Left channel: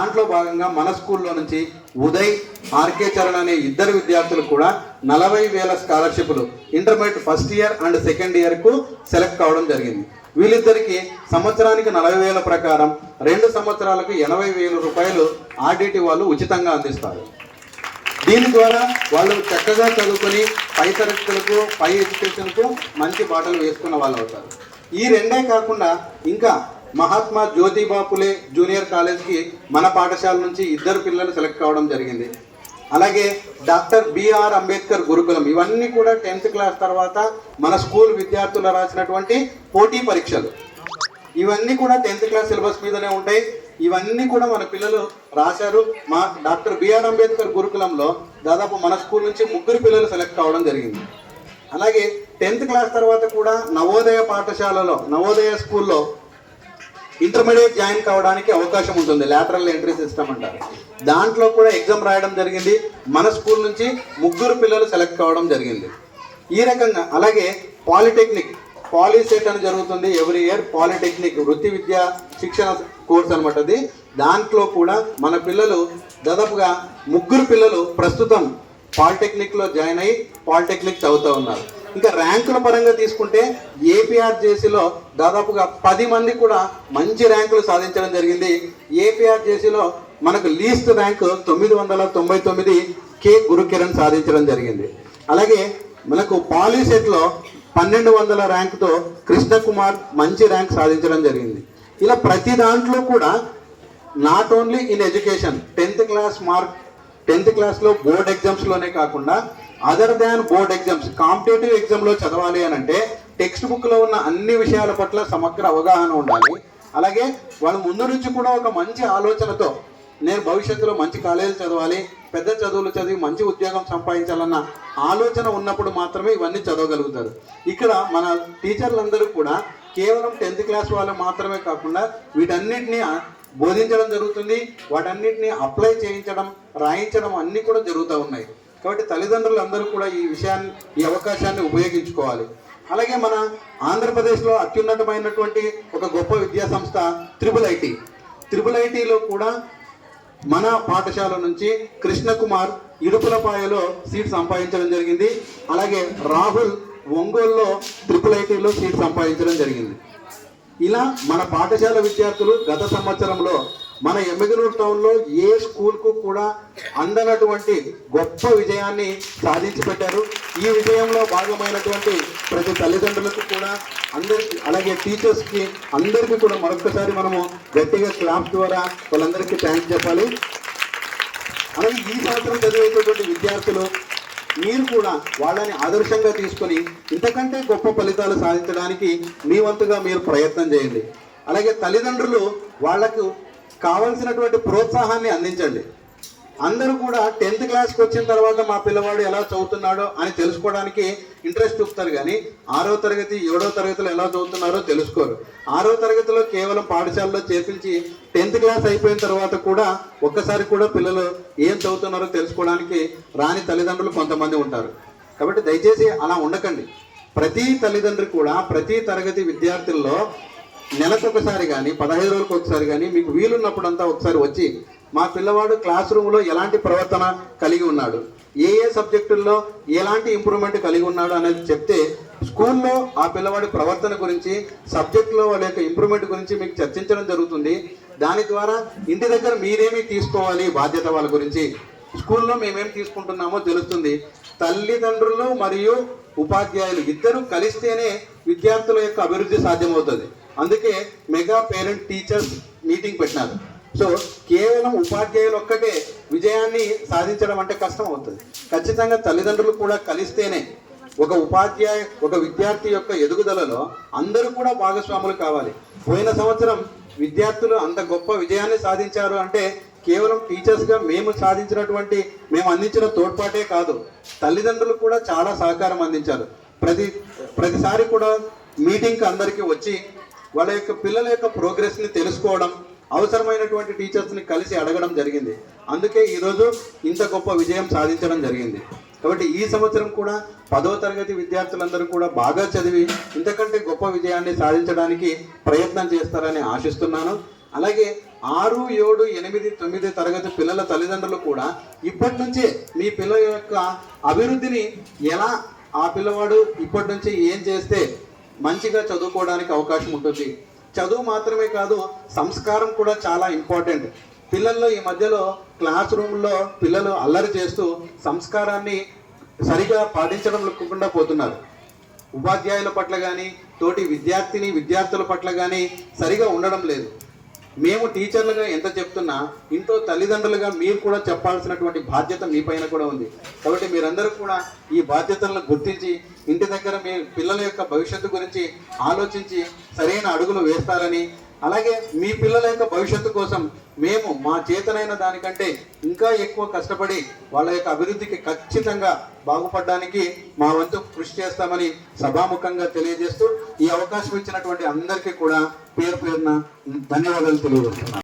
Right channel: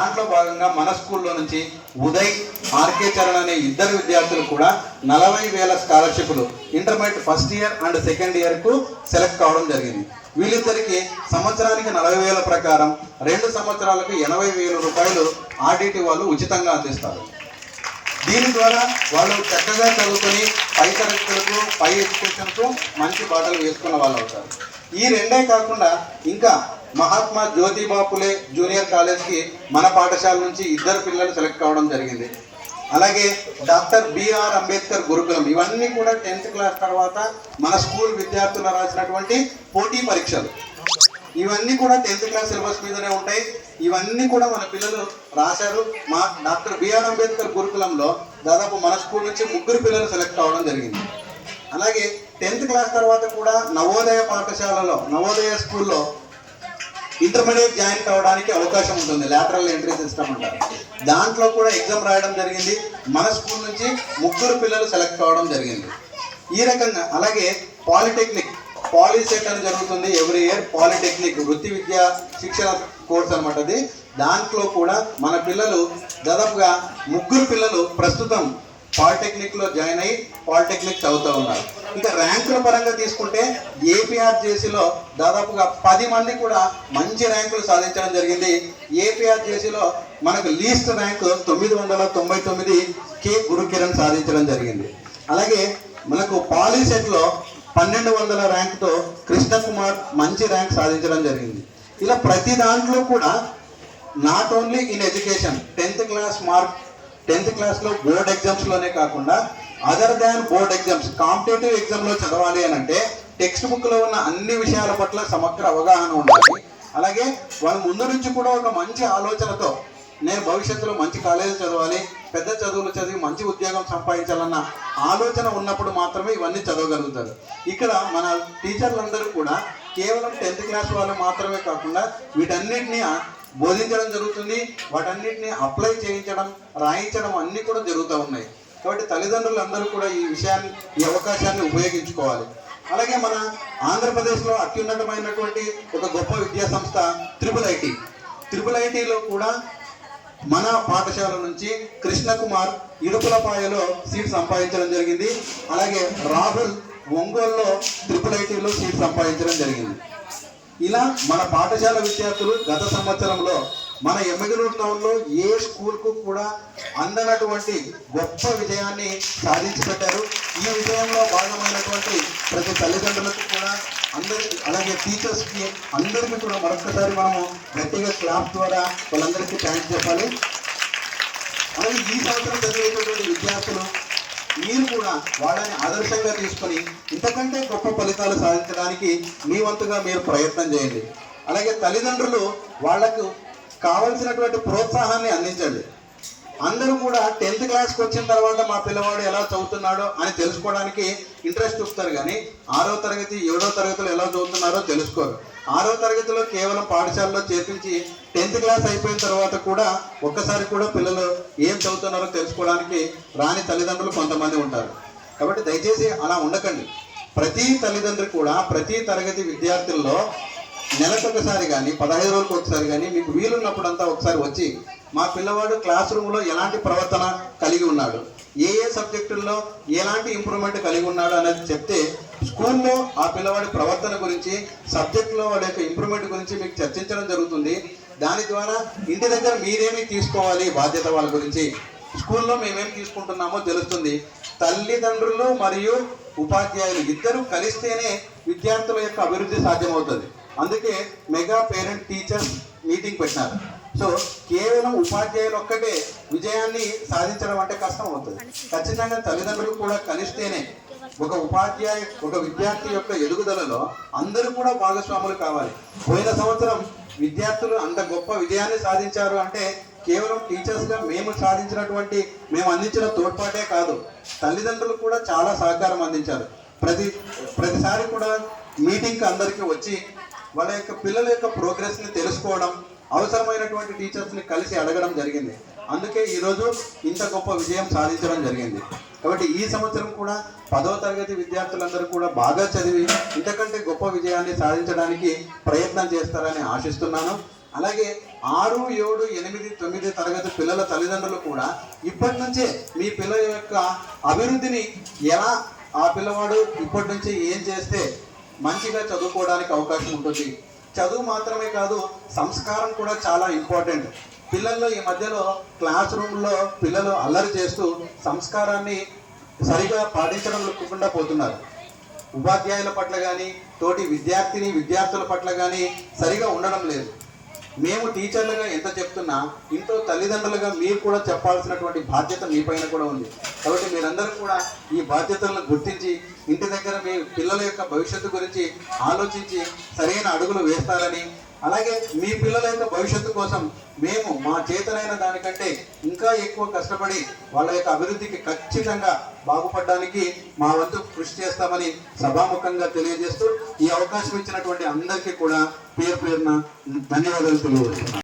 దాంట్లో భాగంగా మన స్కూల్లో నుంచి ఉదయ్, ఆర్కే చరణ్ అనే ఇద్దరు విద్యార్థులు కూడా 40,000 స్కాలర్షిప్లు intermediate first year and second ఇయర్కు సెలెక్ట్ కావడం జరిగింది. వీళ్ళిద్దరికి సంవత్సరానికి 40,000 ప్రకారం 2 సంవత్సరాలకు 80,000 రూపాయలు ఆర్డిటి వాళ్ళు ఉచితంగా అందిస్తారు. దీని ద్వారా వాళ్ళు చక్కగా చదువుకొని పై తరగతులకు, పై ఎడ్యుకేషన్కు మంచి బాటలు వేసుకున్న వాళ్ళు అవుతారు. ఈ రెండే కాకుండా ఇంకా మహాత్మా జ్యోతిబా ఫులే జూనియర్ కాలేజ్కి మన పాఠశాల నుంచి 2 పిల్లలు సెలెక్ట్ కావడం జరిగింది. అలాగే డాక్టర్ బిఆర్ అంబేద్కర్ గురుకులం, ఇవన్నీ కూడా 10th క్లాస్ తర్వాత మన స్కూల్ విద్యార్థులు రాసినటువంటి పోటీ పరీక్షలు. ఇవన్నీ కూడా 10th క్లాస్ సిలబస్ మీదనే ఉంటాయి. ఇవన్నీ కూడా మన పిల్లలు రాశారు. మా డాక్టర్ బిఆర్ అంబేద్కర్ గురుకులంలో దాదాపు మన స్కూల్ నుంచి 3 పిల్లలు సెలెక్ట్ కావడం జరిగింది. అలాగే 10th క్లాస్ తర్వాత కూడా నవోదయ పాఠశాలలో, నవోదయ స్కూల్లో ఇంటర్మీడియట్ జాయిన్ కావడానికి అవకాశం ఉంటుంది. లాటరల్ ఎంట్రీ సిస్టమ్ అంటారు. దాంట్లో కూడా ఎగ్జామ్ రాయడం జరిగింది. మన స్కూల్ నుంచి 3 పిల్లలు సెలెక్ట్ కావడం జరిగింది. ఈ రకంగా అలాగే పాలిటెక్నిక్, పాలిసెట్ అని జరుగుతుంది ఎవ్రీ ఇయర్. పాలిటెక్నిక్ వృత్తి విద్యా శిక్షణ కోర్స్ అనమాట అది. దాంట్లో కూడా మన పిల్లలు దాదాపుగా 3 పిల్లలు ప్రస్తుతం పాలిటెక్నిక్లో జాయిన్ అయ్యి పాలిటెక్నిక్ చదువుతూ ఉన్నారు. ఇంకా ర్యాంకుల పరంగా తీసుకుంటే ఏపీఆర్జేసీలో దాదాపుగా 10 మంది కూడా మంచి ర్యాంకులు సాధించడం జరిగింది. ఏపీఆర్జేసీలో మనకు లీస్ట్ ర్యాంక్ 999 కే గురుకిరణ్ సాధించడం జరిగింది. అలాగే మనకు పాలిసెట్లో 1200 ర్యాంకుతో కృష్ణకుమార్ మంచి ర్యాంక్ సాధించడం జరిగింది. ఇలా ప్రతి దాంట్లో కూడా not only in education 10th class mark, 10th క్లాస్లో బోర్డ్ ఎగ్జామ్స్లోనే కాకుండా other than board exams, competitive ఎగ్జామ్లో చదవాలి అని అంటే టెక్స్ట్ బుక్లో ఉన్న అన్ని విషయాల పట్ల సమగ్ర అవగాహన ఉండాలి. అలాగే వాళ్ళ ముందు నుంచి కూడా ఒక మంచి ఆలోచనతో నేను భవిష్యత్తులో మంచి కాలేజీలు చదవాలి, పెద్ద చదువులు చదివి మంచి ఉద్యోగం సంపాదించాలన్న ఆలోచన ఉన్నప్పుడు మాత్రమే ఇవన్నీ చదవగలుగుతారు. ఇక్కడ మన టీచర్లందరూ కూడా కేవలం 10th క్లాస్ వాళ్ళు మాత్రమే కాకుండా వీటన్నిటిని బోధించడం జరుగుతుంది. వాటన్నిటిని అప్లై చేయించడం, రాయించడం అన్నీ కూడా జరుగుతూ ఉన్నాయి. కాబట్టి తల్లిదండ్రులందరూ కూడా ఈ విషయాన్ని, ఈ అవకాశాన్ని ఉపయోగించుకోవాలి. అలాగే మన ఆంధ్రప్రదేశ్లో అత్యున్నతమైనటువంటి ఒక గొప్ప విద్యా సంస్థ త్రిపుల్ ఐటీలో కూడా మన పాఠశాల నుంచి కృష్ణకుమార్ ఇడుపులపాయలో సీట్ సంపాదించడం జరిగింది. అలాగే రాహుల్ ఒంగోలులో త్రిపుల్ ఐటీలో సీట్ సంపాదించడం జరిగింది. ఇలా మన పాఠశాల విద్యార్థులు గత సంవత్సరంలో మన ఎమ్మిగనూరు టౌన్లో ఏ స్కూల్కు కూడా అందనటువంటి గొప్ప విజయాన్ని సాధించి పెట్టారు. ఈ విజయంలో భాగమైనటువంటి ప్రతి తల్లిదండ్రులకు కూడా, అందరికీ, అలాగే టీచర్స్కి అందరికీ కూడా మరొకసారి మనము గట్టిగా క్లాప్ ద్వారా వాళ్ళందరికీ థ్యాంక్స్ చెప్పాలి. అలాగే ఈ సంవత్సరం చదివేటటువంటి విద్యార్థులు మీరు కూడా వాళ్ళని ఆదర్శంగా తీసుకొని ఇంతకంటే గొప్ప ఫలితాలు సాధించడానికి మీ వంతుగా మీరు ప్రయత్నం చేయండి. అలాగే తల్లిదండ్రులు వాళ్లకు కావలసినటువంటి ప్రోత్సాహాన్ని అందించండి. అందరూ కూడా 10th క్లాస్కి వచ్చిన తర్వాత మా పిల్లవాడు ఎలా చదువుతున్నాడో అని తెలుసుకోవడానికి ఇంట్రెస్ట్ చూపుతారు, కానీ 6వ తరగతి 7వ తరగతిలో ఎలా చదువుతున్నారో తెలుసుకోరు. 6వ తరగతిలో కేవలం పాఠశాలలో చేర్పించి 10th క్లాస్ అయిపోయిన తర్వాత కూడా ఒక్కసారి కూడా పిల్లలు ఏం చదువుతున్నారో తెలుసుకోవడానికి రాని తల్లిదండ్రులు కొంతమంది ఉంటారు. కాబట్టి దయచేసి అలా ఉండకండి. ప్రతి తల్లిదండ్రి కూడా ప్రతి తరగతి విద్యార్థుల్లో నెలకొకసారి కానీ 15 రోజులకు ఒకసారి కానీ మీకు వీలున్నప్పుడంతా ఒకసారి వచ్చి మా పిల్లవాడు క్లాస్ రూమ్లో ఎలాంటి ప్రవర్తన కలిగి ఉన్నాడు, ఏ సబ్జెక్టుల్లో ఎలాంటి ఇంప్రూవ్మెంట్ కలిగి ఉన్నాడు అనేది చెప్తే స్కూల్లో ఆ పిల్లవాడి ప్రవర్తన గురించి, సబ్జెక్టులో వాళ్ళ యొక్క ఇంప్రూవ్మెంట్ గురించి మీకు చర్చించడం జరుగుతుంది. దాని ద్వారా ఇంటి దగ్గర మీరేమీ తీసుకోవాలి బాధ్యత వాళ్ళ గురించి, స్కూల్లో మేమేం తీసుకుంటున్నామో తెలుస్తుంది. తల్లిదండ్రులు మరియు ఉపాధ్యాయులు ఇద్దరు కలిస్తేనే విద్యార్థుల యొక్క అభివృద్ధి సాధ్యమవుతుంది. అందుకే మెగా పేరెంట్ టీచర్స్ మీటింగ్ పెట్టినారు. సో కేవలం ఉపాధ్యాయులు ఒక్కటే విజయాన్ని సాధించడం అంటే కష్టం అవుతుంది. ఖచ్చితంగా తల్లిదండ్రులు కూడా కలిస్తేనే ఒక విద్యార్థి యొక్క ఎదుగుదలలో అందరూ కూడా భాగస్వాములు కావాలి. పోయిన సంవత్సరం విద్యార్థులు అంత గొప్ప విజయాన్ని సాధించారు అంటే కేవలం టీచర్స్గా మేము అందించిన తోడ్పాటే కాదు, తల్లిదండ్రులు కూడా చాలా సహకారం అందించారు. ప్రతిసారి కూడా మీటింగ్కి అందరికీ వచ్చి వాళ్ళ యొక్క పిల్లల యొక్క ప్రోగ్రెస్ని తెలుసుకోవడం, అవసరమైనటువంటి టీచర్స్ని కలిసి అడగడం జరిగింది. అందుకే ఈరోజు ఇంత గొప్ప విజయం సాధించడం జరిగింది. కాబట్టి ఈ సంవత్సరం కూడా 10వ తరగతి విద్యార్థులందరూ కూడా బాగా చదివి ఇంతకంటే గొప్ప విజయాన్ని సాధించడానికి ప్రయత్నం చేస్తారని ఆశిస్తున్నాను. అలాగే 6, 7, 8, 9 తరగతి పిల్లల తల్లిదండ్రులు కూడా ఇప్పటి నుంచే మీ పిల్లల యొక్క అభివృద్ధిని ఎలా ఆ పిల్లవాడు ఇప్పటి నుంచి ఏం చేస్తే మంచిగా చదువుకోవడానికి అవకాశం ఉంటుంది. చదువు మాత్రమే కాదు, సంస్కారం కూడా చాలా ఇంపార్టెంట్. పిల్లల్లో ఈ మధ్యలో క్లాస్ రూమ్లో పిల్లలు అల్లరి చేస్తూ సంస్కారాన్ని సరిగా పాటించడం పోతున్నారు. ఉపాధ్యాయుల పట్ల కానీ తోటి విద్యార్థుల పట్ల కానీ సరిగా ఉండడం లేదు. మేము టీచర్లుగా ఎంత చెప్తున్నా ఇంట్లో తల్లిదండ్రులుగా మీరు కూడా చెప్పాల్సినటువంటి బాధ్యత మీ పైన కూడా ఉంది. కాబట్టి మీరందరూ కూడా ఈ బాధ్యతలను గుర్తించి ఇంటి దగ్గర మీ పిల్లల యొక్క భవిష్యత్తు గురించి ఆలోచించి సరైన అడుగులు వేస్తారని, అలాగే మీ పిల్లల యొక్క భవిష్యత్తు కోసం మేము మా చేతనైన దానికంటే ఇంకా ఎక్కువ కష్టపడి వాళ్ళ యొక్క అభివృద్ధికి ఖచ్చితంగా బాగుపడడానికి మా వంతు కృషి చేస్తామని సభాముఖంగా తెలియజేస్తూ ఈ అవకాశం ఇచ్చినటువంటి అందరికీ కూడా పేరున ధన్యవాదాలు తెలియజేస్తున్నాను.